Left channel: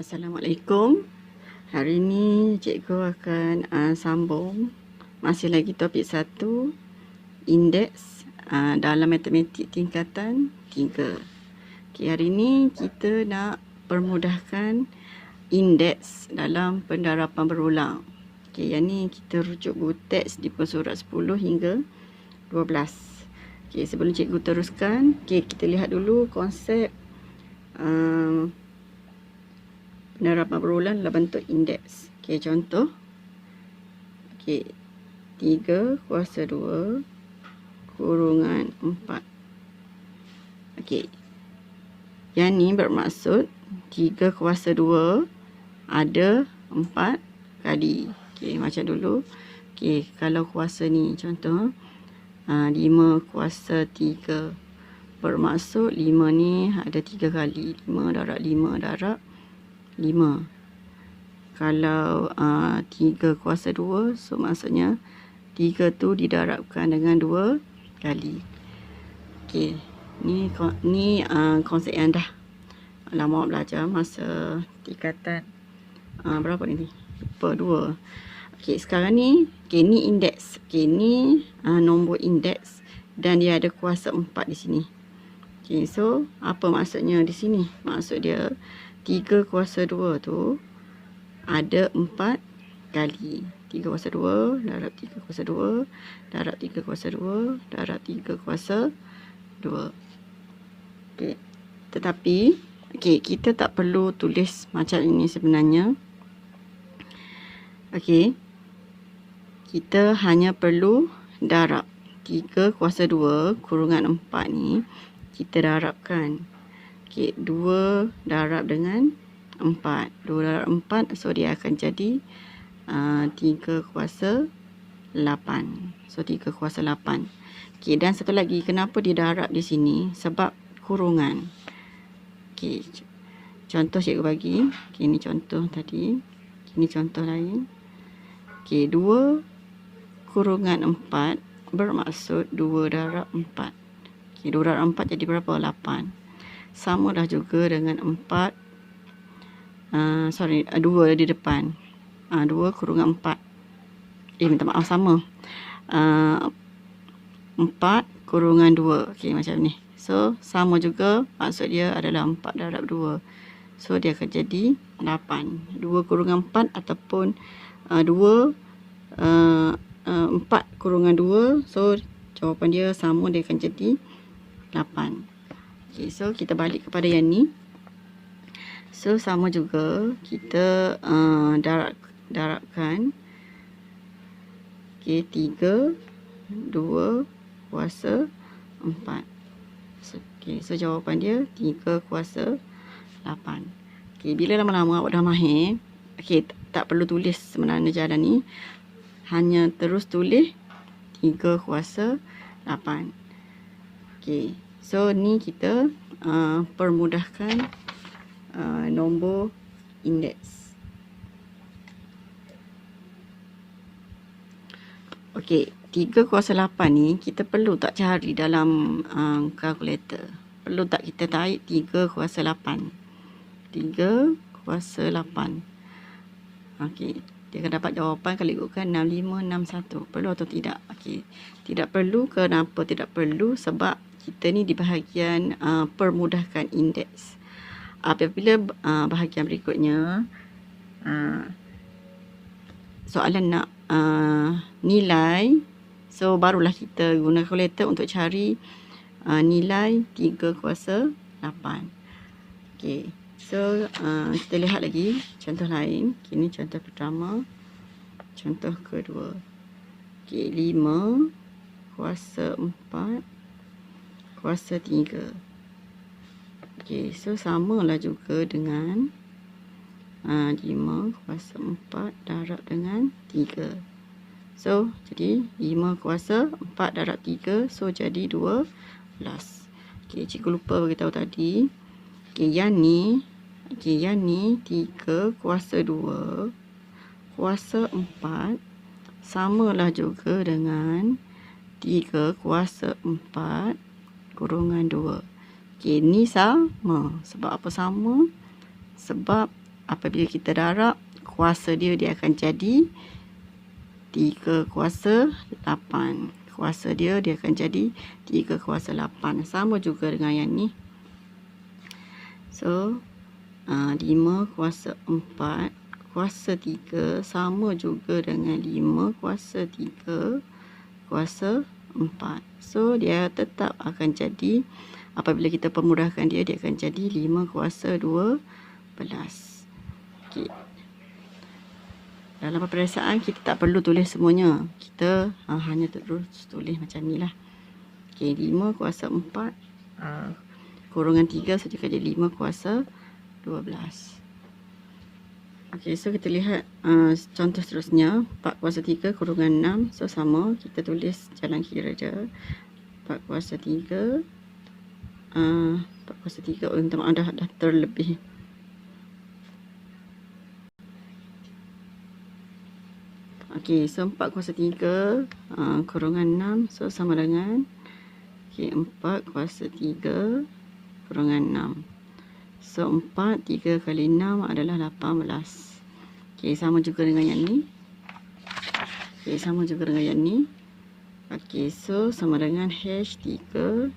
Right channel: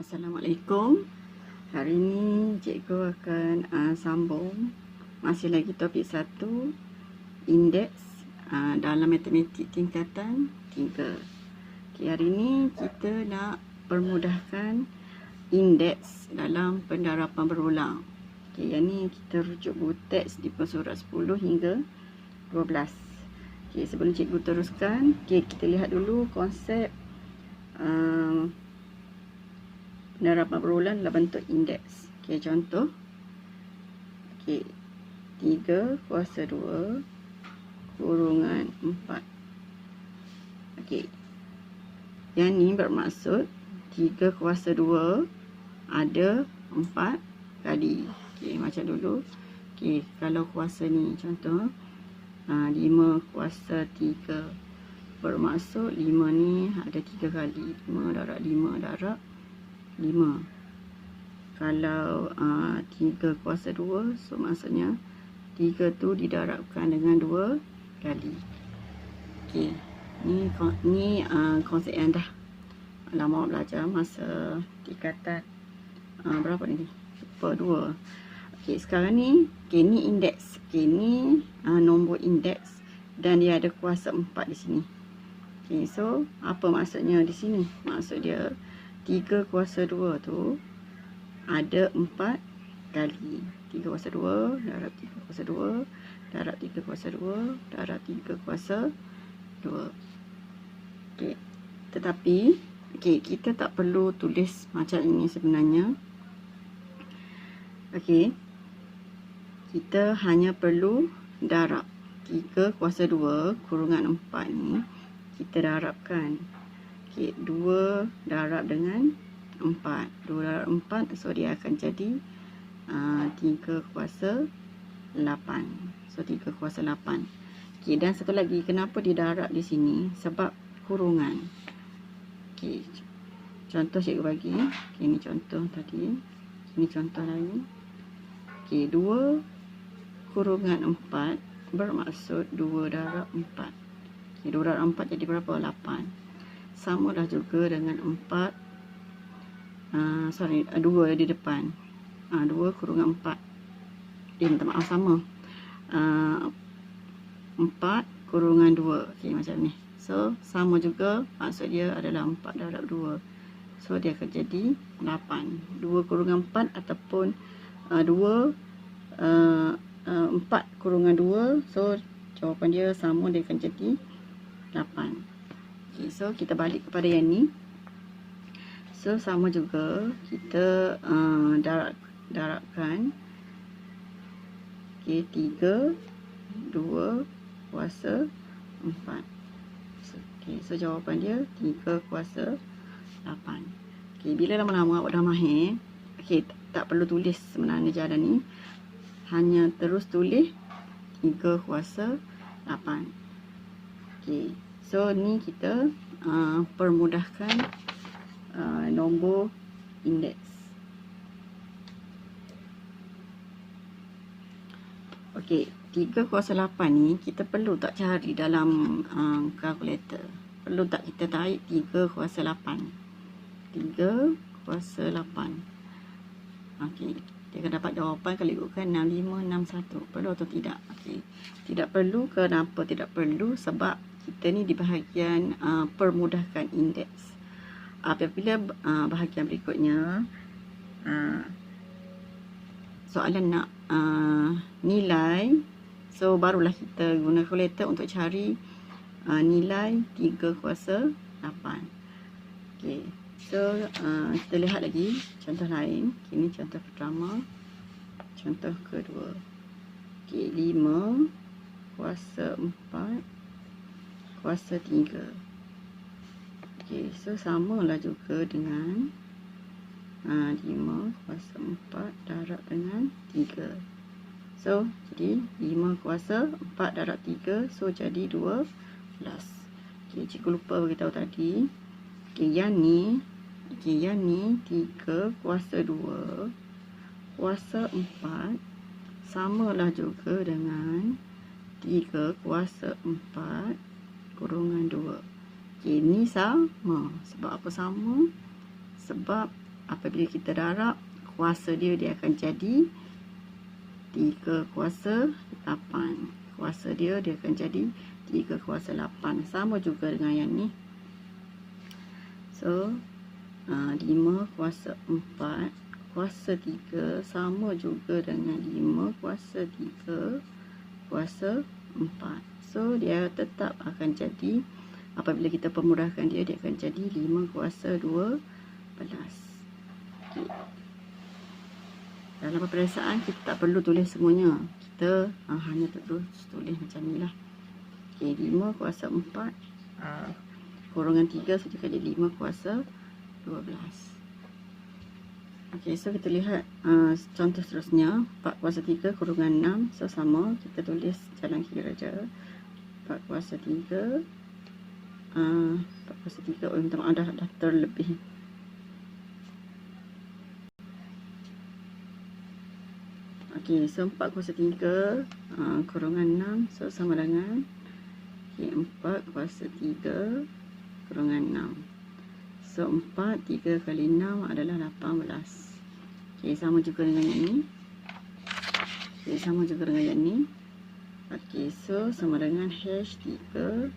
Assalamualaikum. Hari ini cikgu akan sambung masih lagi topik 1, indeks dalam matematik tingkatan 3. Hari ini kita nak permudahkan indeks dalam pendarapan berulang. Yang ni kita rujuk buku teks di surat 10 hingga 12. Sebelum cikgu teruskan, kita lihat dulu konsep penerapan berulang dalam bentuk indeks. Contoh. 3 kuasa 2 kurungan 4. Yang ni bermaksud 3 kuasa 2 ada 4 kali. Macam dulu. Kalau kuasa ni contoh 5 kuasa 3. Bermaksud 5 ni ada 3 kali. 5 darab 5 darab 5. Kalau 3 kuasa 2, so maksudnya 3 tu didarabkan dengan 2 kali. Ni konsep yang dah lama belajar masa tingkatan berapa ni? Lupa 2. Sekarang ni ni indeks. Ni nombor indeks dan dia ada kuasa 4 di sini. So apa maksudnya di sini? Maksud dia 3 kuasa 2 tu ada 4 kali. 3 kuasa 2 darab 3 kuasa 2 darab 3 kuasa 2 darab 3 kuasa 2. Tetapi kita tak perlu tulis macam ini sebenarnya. Kita hanya perlu darab 3 kuasa 2 kurungan 4 ni kita darabkan. 2 darab dengan 4. 2 darab 4, so dia akan jadi 3 kuasa 8. So 3 kuasa 8. Dan satu lagi, kenapa dia darab di sini? Sebab kurungan. Contoh cikgu bagi. Ini contoh tadi. Ini contoh lain. 2 kurungan 4 bermaksud 2 darab 4. 2 darab 4 jadi berapa? 8. Sama dah juga dengan 4 2 di depan. 2 kurungan 4. Minta maaf, sama. 4 kurungan 2. Macam ni. So sama juga, maksud dia adalah 4 darab 2. So dia akan jadi 8. 2 kurungan 4 ataupun 4 kurungan 2. So jawapan dia sama, dia akan jadi 8. So kita balik kepada yang ni. So sama juga kita darabkan 3 2 kuasa 4. So jawapan dia 3 kuasa 8. Bila lama-lama awak dah mahir, tak perlu tulis sebenarnya jalan ni, hanya terus tulis 3 kuasa 8. So ni kita permudahkan nombor indeks. 3 kuasa 8 ni kita perlu tak cari dalam kalkulator? Perlu tak kita tarik 3 kuasa 8? 3 kuasa 8. Dia akan dapat jawapan kalau ikutkan 6561. Perlu atau tidak? Tidak perlu. Kenapa tidak perlu? Sebab kita ni di bahagian permudahkan indeks. Apabila bahagian berikutnya soalan nak nilai, so barulah kita guna kalkulator untuk cari nilai 3 kuasa 8. So kita lihat lagi contoh lain. Ini contoh pertama. Contoh kedua. 5 kuasa 4 kuasa 3. So samalah juga dengan 5 kuasa 4 darab dengan 3. So jadi 5 kuasa 4 darab 3, so jadi 12. Cikgu lupa beritahu tadi. Yang ni 3 kuasa 2 kuasa 4 samalah juga dengan 3 kuasa 4 kurungan 2. Ni sama. Sebab apa sama? Sebab apabila kita darab, kuasa dia akan jadi 3 kuasa 8. Kuasa dia akan jadi 3 kuasa 8. Sama juga dengan yang ni. So, 5 kuasa 4 kuasa 3 sama juga dengan 5 kuasa 3 kuasa 4. So, dia tetap akan jadi, apabila kita pemudahkan dia akan jadi 5 kuasa 12. Okay. Dalam peperiksaan kita tak perlu tulis semuanya. Kita hanya terus tulis macam ni lah. Okay, 5 kuasa 4 kurungan 3, so dia akan jadi 5 kuasa 12. Okay, so kita lihat contoh seterusnya. 4 kuasa 3 kurungan 6. So sama, kita tulis jalan kira je. 4 kuasa 3 4 kuasa 3, minta maaf dah terlebih. Okey, so 4 kuasa 3 kurungan 6, so sama dengan 4 kuasa 3 kurungan 6. So 4, 3 kali 6 adalah 18. Okey, sama juga dengan yang ni. Okey, sama juga dengan yang ni. Okey, so sama dengan H 3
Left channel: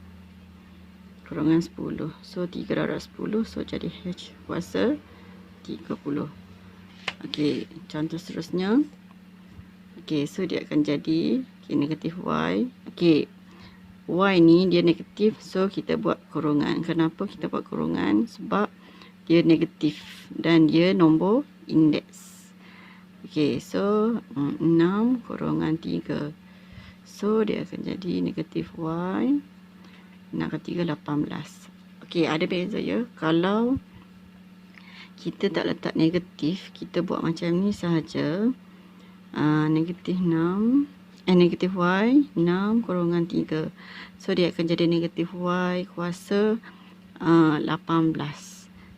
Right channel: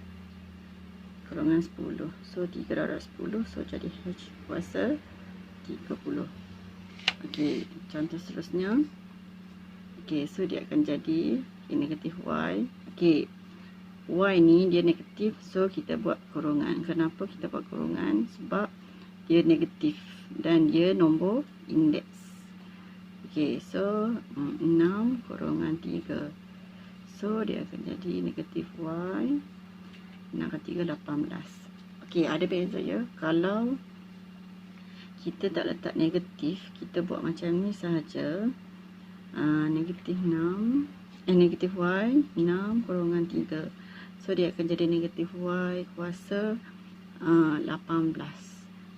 kurungan 10. So 3 darab 10, so jadi H kuasa 30. Okey, contoh seterusnya. Okey, so dia akan jadi negatif Y. Okey, Y ni dia negatif, so kita buat kurungan. Kenapa kita buat kurungan? Sebab dia negatif dan dia nombor indeks. Okey, so 6 kurungan 3. So dia akan jadi negatif Y. 6 kali 3, 18. Okey, ada beza ya. Kalau kita tak letak negatif, kita buat macam ni sahaja. Negatif 6 negatif Y 6 kurungan 3. So dia akan jadi negatif Y kuasa 18.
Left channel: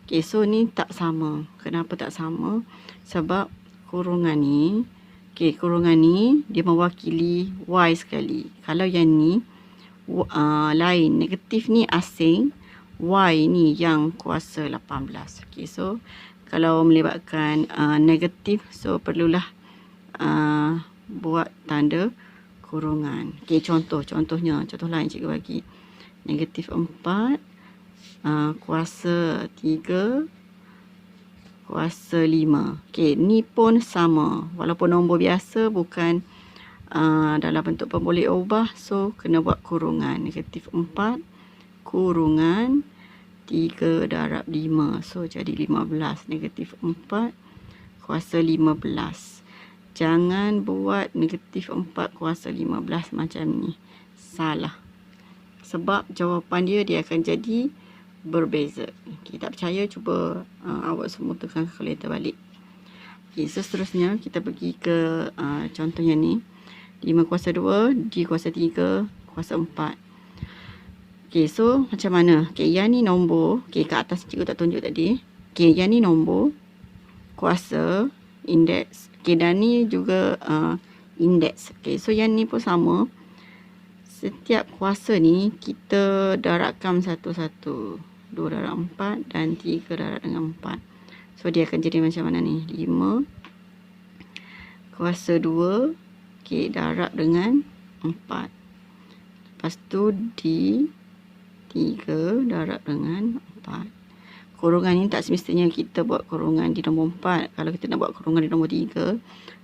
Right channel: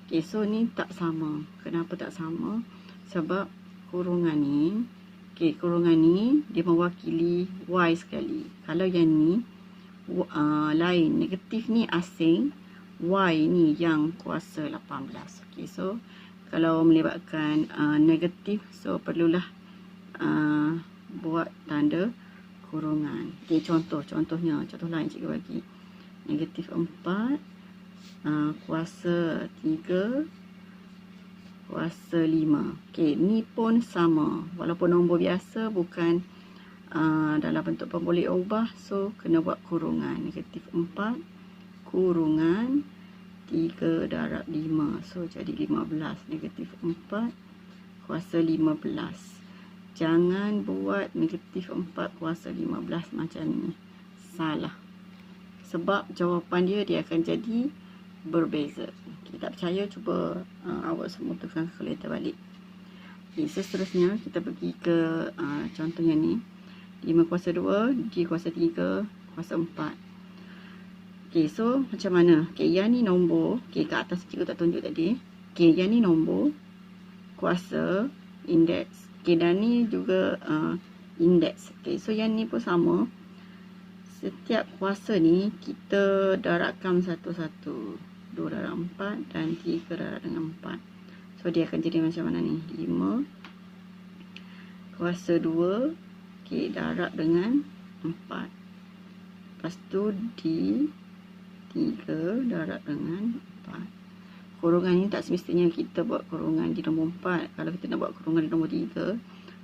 Okay, so ni tak sama. Kenapa tak sama? Sebab kurungan ni, okay, kurungan ni dia mewakili Y sekali. Kalau yang ni lain, negatif ni asing, Y ni yang kuasa 18. Okay, so kalau melibatkan negatif, so perlulah buat tanda kurungan. Okey, contohnya, contoh lain cikgu bagi. Negatif 4 kuasa 3 kuasa 5. Okey, ni pun sama. Walaupun nombor biasa, bukan dalam bentuk pemboleh ubah, so kena buat kurungan. Negatif 4 kurungan 3 darab 5. So jadi 15. Negatif 4 kuasa 15. Jangan buat negatif 4 kuasa 15 macam ni. Salah. Sebab jawapan dia akan jadi berbeza. Kita tak percaya, cuba awak semua tekan kalkulator balik. Okay, seterusnya kita pergi ke contoh yang ni. 5 kuasa 2, D kuasa 3, kuasa 4. Okay, so macam mana? Okay, yang ni nombor. Okay, kat atas cikgu tak tunjuk tadi. Okay, yang ni nombor. Kuasa, indeks. Okay, dan ni juga indeks. Okay, so yang ni pun sama. Setiap kuasa ni kita darabkan satu-satu. 2 darab 4 dan 3 darab dengan 4. So dia akan jadi macam mana ni? 5 kuasa 2, okay, darab dengan 4. Lepas tu D 3 darab dengan 4. Kurungan ni tak semestinya kita buat kurungan di nombor 4. Kalau kita nak buat kurungan di nombor 3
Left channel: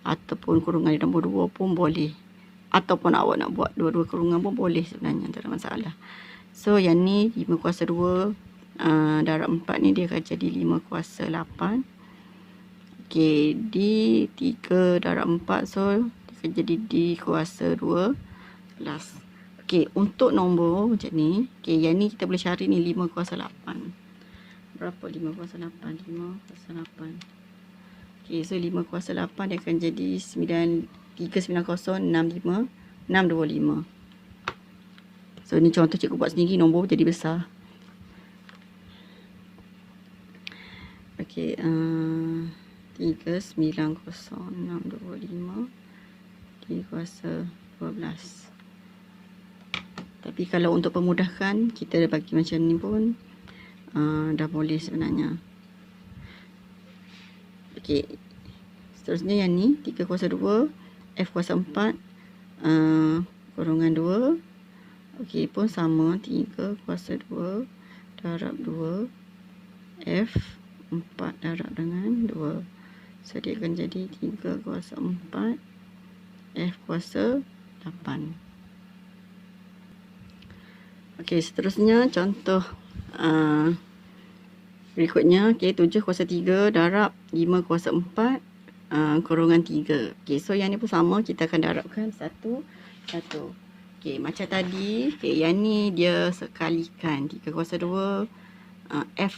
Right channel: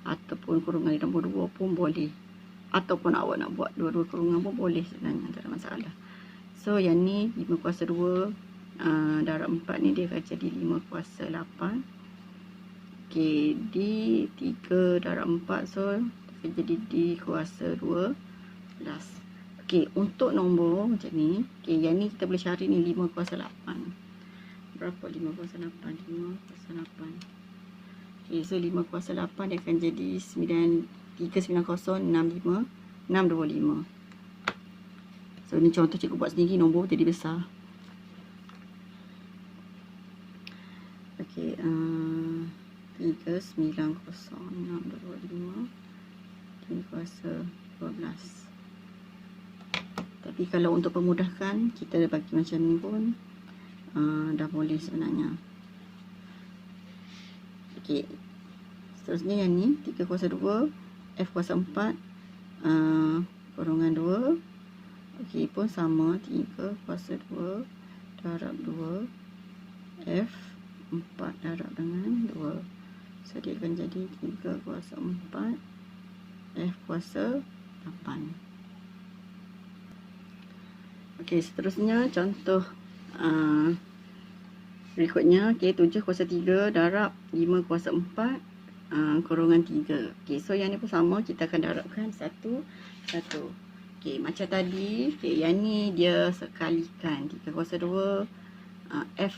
ataupun kurungan di nombor 2 pun boleh. Ataupun awak nak buat dua-dua kurungan pun boleh sebenarnya, tak ada masalah. So yang ni 5 kuasa 2 darab 4 ni dia akan jadi 5 kuasa 8. Okey, D 3 darab 4, so dia akan jadi D kuasa 12. Okey, untuk nombor macam ni, okey, yang ni kita boleh cari ni 5 kuasa 8. Berapa 5 kuasa 8? 5 kuasa 8. Okay, so 5 kuasa 8 dia akan jadi 390, 65, 625. So, ni contoh cikgu buat sendiri, nombor jadi besar. Okay, 390, 625, 3 kuasa 12. Tapi kalau untuk pemudahkan, kita dah bagi macam ni pun dah boleh sebenarnya. Okey. Seterusnya yang ni 3 kuasa 2 F kuasa 4 kurungan 2. Okey, pun sama 3 kuasa 2 darab 2 F 4 darab dengan 2. So dia akan jadi 3 kuasa 4 F kuasa 8. Okey, seterusnya contoh berikutnya. Okey, 7 kuasa 3 darab 5 kuasa 4 kurungan 3. Okey, so yang ni pun sama, kita akan darabkan satu. Okey, macam tadi, okey, yang ni dia sekalikan 3 kuasa 2 F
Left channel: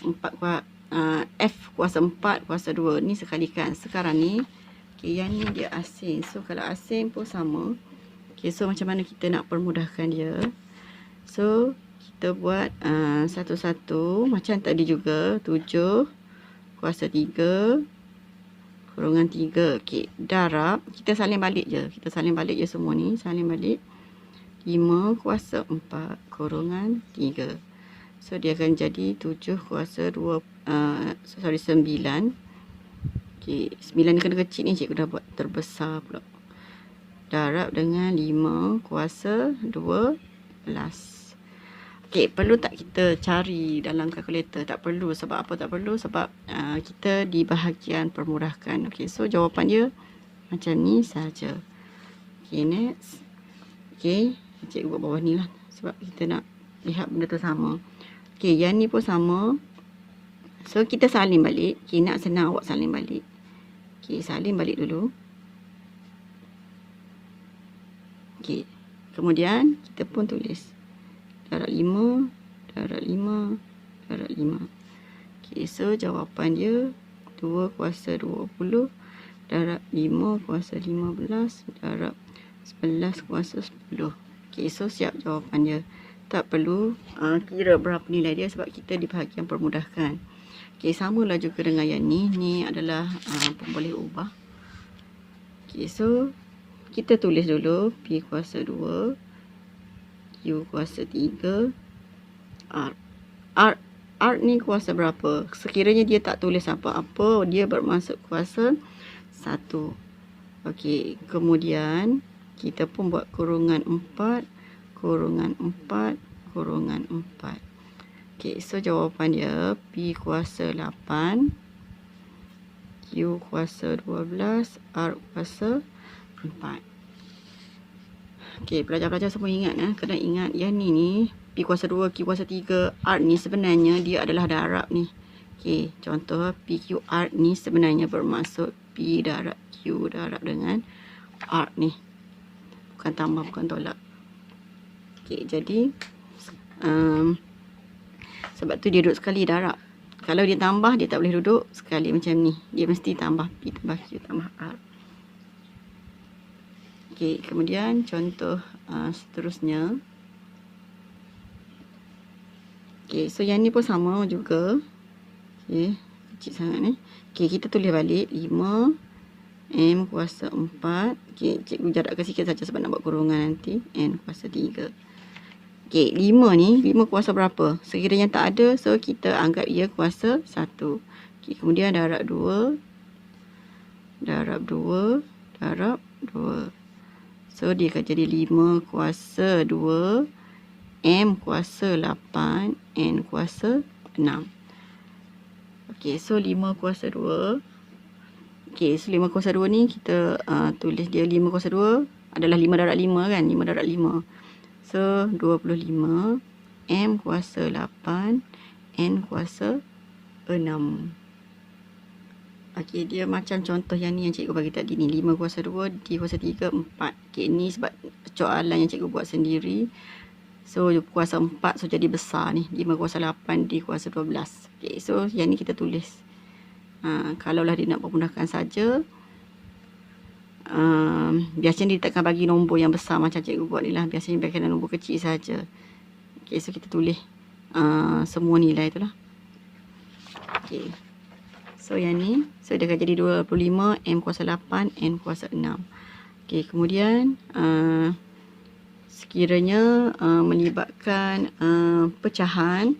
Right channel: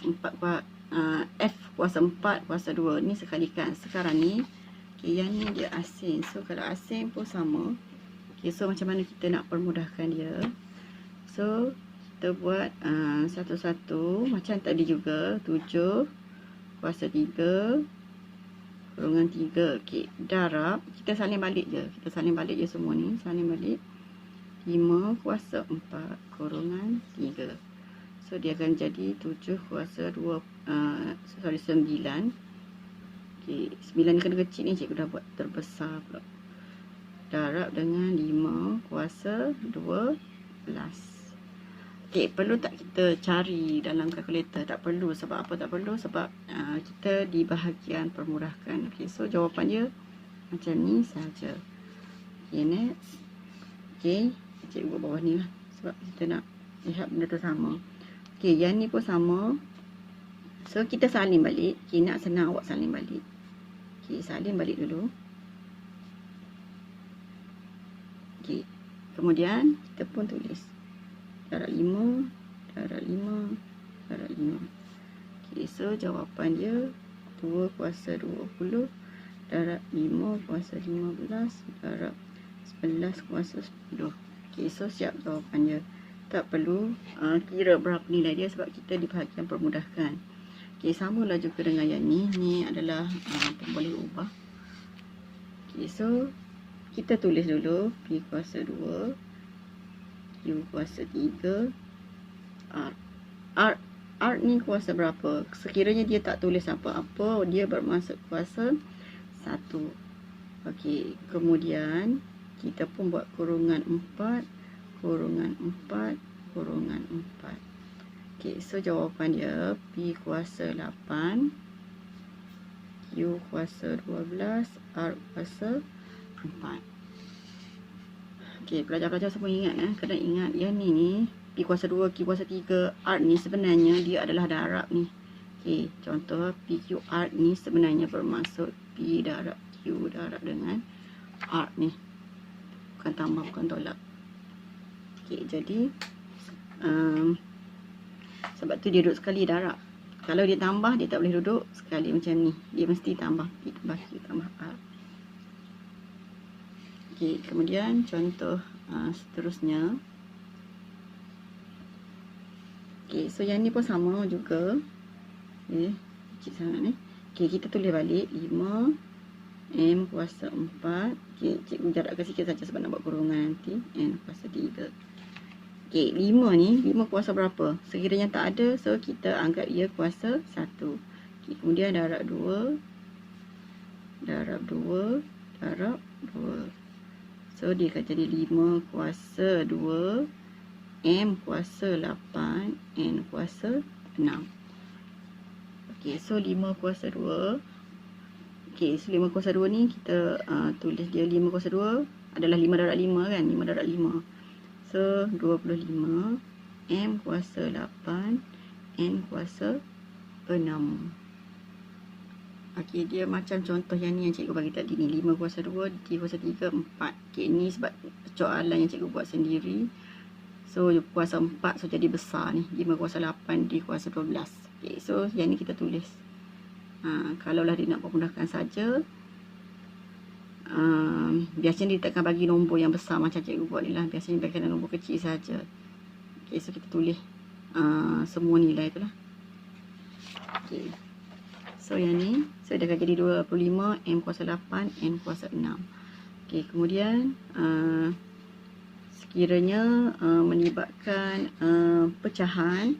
kuasa 4 kuasa 2 ni sekalikan. Sekarang ni, okey, yang ni dia asing. So kalau asing pun sama. Okey, so macam mana kita nak permudahkan dia? So kita buat satu-satu macam tadi juga. 7 kuasa 3 kurungan 3. Okey, darab, kita salin balik je. Kita salin balik je semua ni, salin balik. 5 kuasa 4 kurungan 3. So dia akan jadi 7 kuasa 2 9. Okey, 9 ni kena kecil ni, cikgu dah buat terbesar pula. Darab dengan 5 kuasa 12. Okey, perlu tak kita cari dalam kalkulator? Tak perlu. Sebab apa tak perlu? Sebab kita di bahagian permudahkan. Okey, so jawapan dia macam ni saja. Okey, next. Okey, cikgu buat bawah ni lah. Sebab kita nak lihat benda tu sama. Okey, yang ni pun sama. So, kita salin balik. Okey, nak senang awak salin balik. Okey, salin balik dulu. Okey, kemudian kita pun tulis darab 5, darab 5, darab 5. Okey, so jawapan dia 2 kuasa 20 darab 5 kuasa 15 darab 11 kuasa 10. Okey, so siap jawapan dia. Tak perlu kira berapa nilai dia sebab kita di bahagian permudahkan. Okey, samalah juga dengan yang ni. Ni adalah boleh ubah. Okey, so kita tulis dulu P kuasa 2, Q kuasa 3, R ni kuasa berapa? Sekiranya dia tak tulis apa-apa, dia bermaksud kuasa 1. Okey, kemudian kita pun buat kurungan 4, kurungan 4, kurungan 4. Okey, so jawapan dia P kuasa 8, Q kuasa 12, R kuasa 4. Okey, pelajar-pelajar semua ingat kena ingat yang ni P kuasa 2, Q kuasa 3, R ni sebenarnya dia adalah darab ni. Okey, contoh PQR ni sebenarnya bermaksud P darab Q darab dengan R ni. Bukan tambah, bukan tolak. Okey, jadi sebab tu dia duduk sekali darab. Kalau dia tambah, dia tak boleh duduk sekali macam ni. Dia mesti tambah P tambah Q tambah R. Okey, kemudian contoh seterusnya. Okey, so yang ni pun sama juga. Okey, kecil sangat ni. Okey, kita tulis balik 5 M kuasa 4. Okey, cikgu jarakkan sikit saja sebab nak buat kurungan nanti. N kuasa 3. Okey, 5 ni, 5 kuasa berapa? Sekiranya tak ada, so kita anggap ia kuasa 1. Okey, kemudian darab 2, darab 2, darab 2. So, dia akan jadi 5 kuasa 2, M kuasa 8, N kuasa 6. Okey, so 5 kuasa 2. Okey, so 5 kuasa 2 ni kita tulis dia 5 kuasa 2 adalah 5 darab 5 kan? 5 darab 5. So, 25. M kuasa 8, N kuasa 6. Okey, dia macam contoh yang ni yang cikgu bagi tadi ni. 5 kuasa 2, D kuasa 3, 4. Okey, ni sebab soalan yang cikgu buat sendiri. So, kuasa 4, so jadi besar ni. 5 kuasa 8, D kuasa 12. Okey, so yang ni kita tulis. Kalaulah dia nak permudahkan saja. Biasanya dia takkan bagi nombor yang besar macam cikgu buat ni lah. Biasanya dia akan nombor kecil saja. Okey, so kita tulis semua nilai tu lah. Okey. So yang ni, so dia akan jadi 25, M kuasa 8, N kuasa 6. Okey, kemudian sekiranya melibatkan pecahan.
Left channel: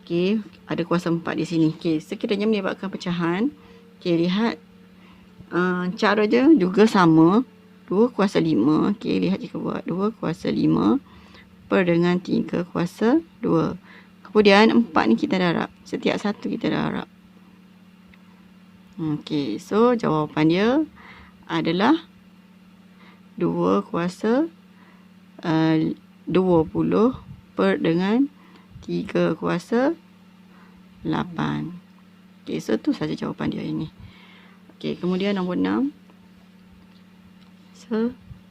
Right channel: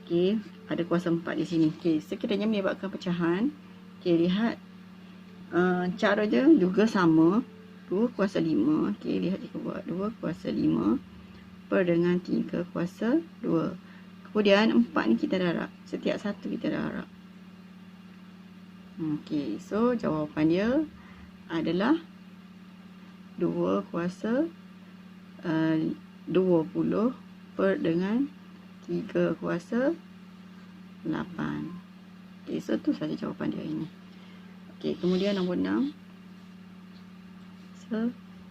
Okey, ada kuasa 4 di sini. Okey, sekiranya melibatkan pecahan, Okey, lihat cara dia juga sama. 2 kuasa 5. Okey, lihat cikgu buat 2 kuasa 5 per dengan 3 kuasa 2. Kemudian 4 ni kita darab. Setiap satu kita darab. Okey, so jawapan dia adalah 2 kuasa 20 per dengan 3 kuasa 8. Okey, so tu saja jawapan dia ini. Okey, kemudian nombor 6.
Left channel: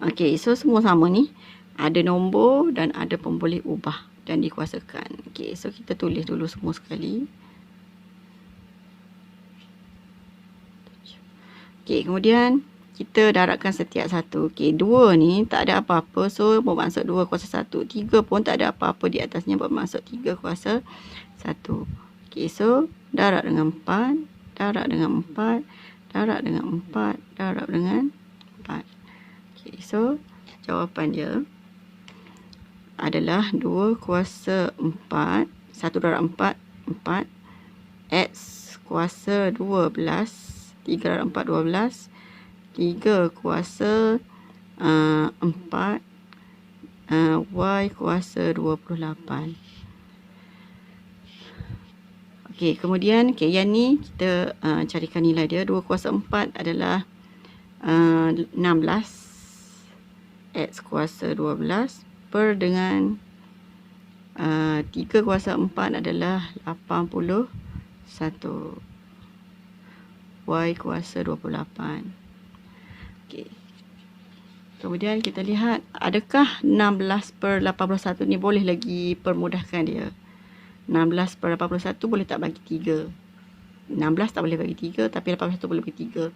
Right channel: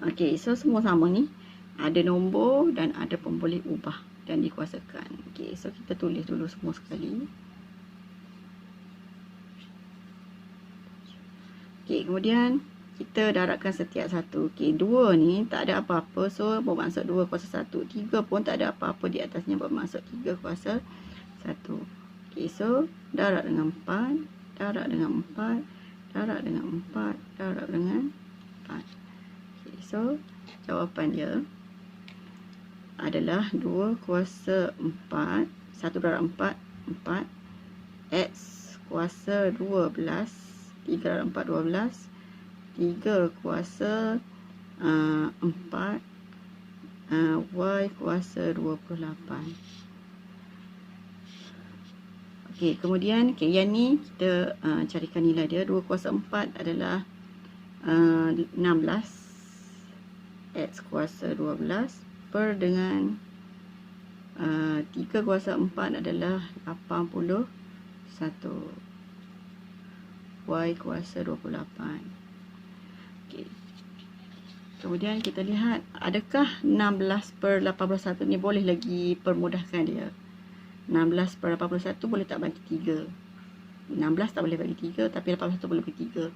Okey, so semua sama ni. Ada nombor dan ada pemboleh ubah dan dikuasakan. Okey, so kita tulis dulu semua sekali. Okey, kemudian kita darabkan setiap satu. Okey, 2 ni tak ada apa-apa, so bermaksud 2 kuasa 1. 3 pun tak ada apa-apa di atasnya, bermaksud 3 kuasa 1. Okey, so darab dengan 4, darab dengan 4, darab dengan 4, darab dengan 4. Okey, so jawapan dia adalah 2 kuasa 4, 1 darab 4, 4, X kuasa 12, 3 darab 4, 12, 3 kuasa 4, Y kuasa 28. Okey, kemudian yang ni kita carikan nilai dia. 2 kuasa 4 adalah 16, X kuasa 12 per dengan 3 kuasa 4 adalah 81, Y kuasa 28. Okey. Kemudian kita lihat, adakah 16 per 81 ni boleh lagi permudahkan dia? 16 per 81 boleh tak bagi 3? 16 tak boleh bagi 3, tapi 81 boleh bagi 3.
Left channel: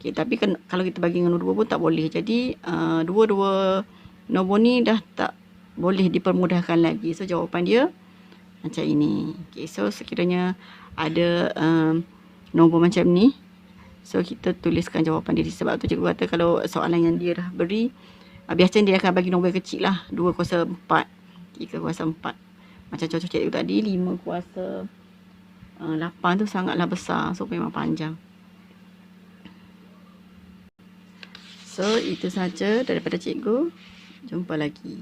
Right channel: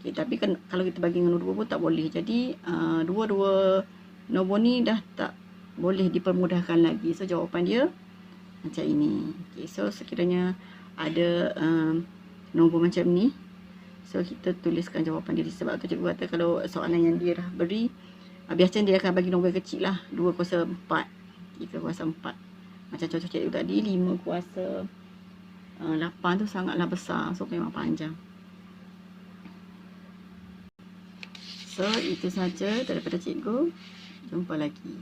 Okey, tapi kalau kita bagi dengan 2 pun tak boleh. Jadi dua-dua nombor ni dah tak boleh dipermudahkan lagi. So jawapan dia macam ini. Okey, so sekiranya ada nombor macam ni, so kita tuliskan jawapan dia. Sebab tu cikgu kata kalau soalan yang dia dah beri, biasanya dia akan bagi nombor yang kecil lah. 2 kuasa 4, 3 kuasa 4. Macam contoh cikgu tadi, 5 kuasa 8 tu sangatlah besar. So memang panjang. So itu saja daripada cikgu. Jumpa lagi.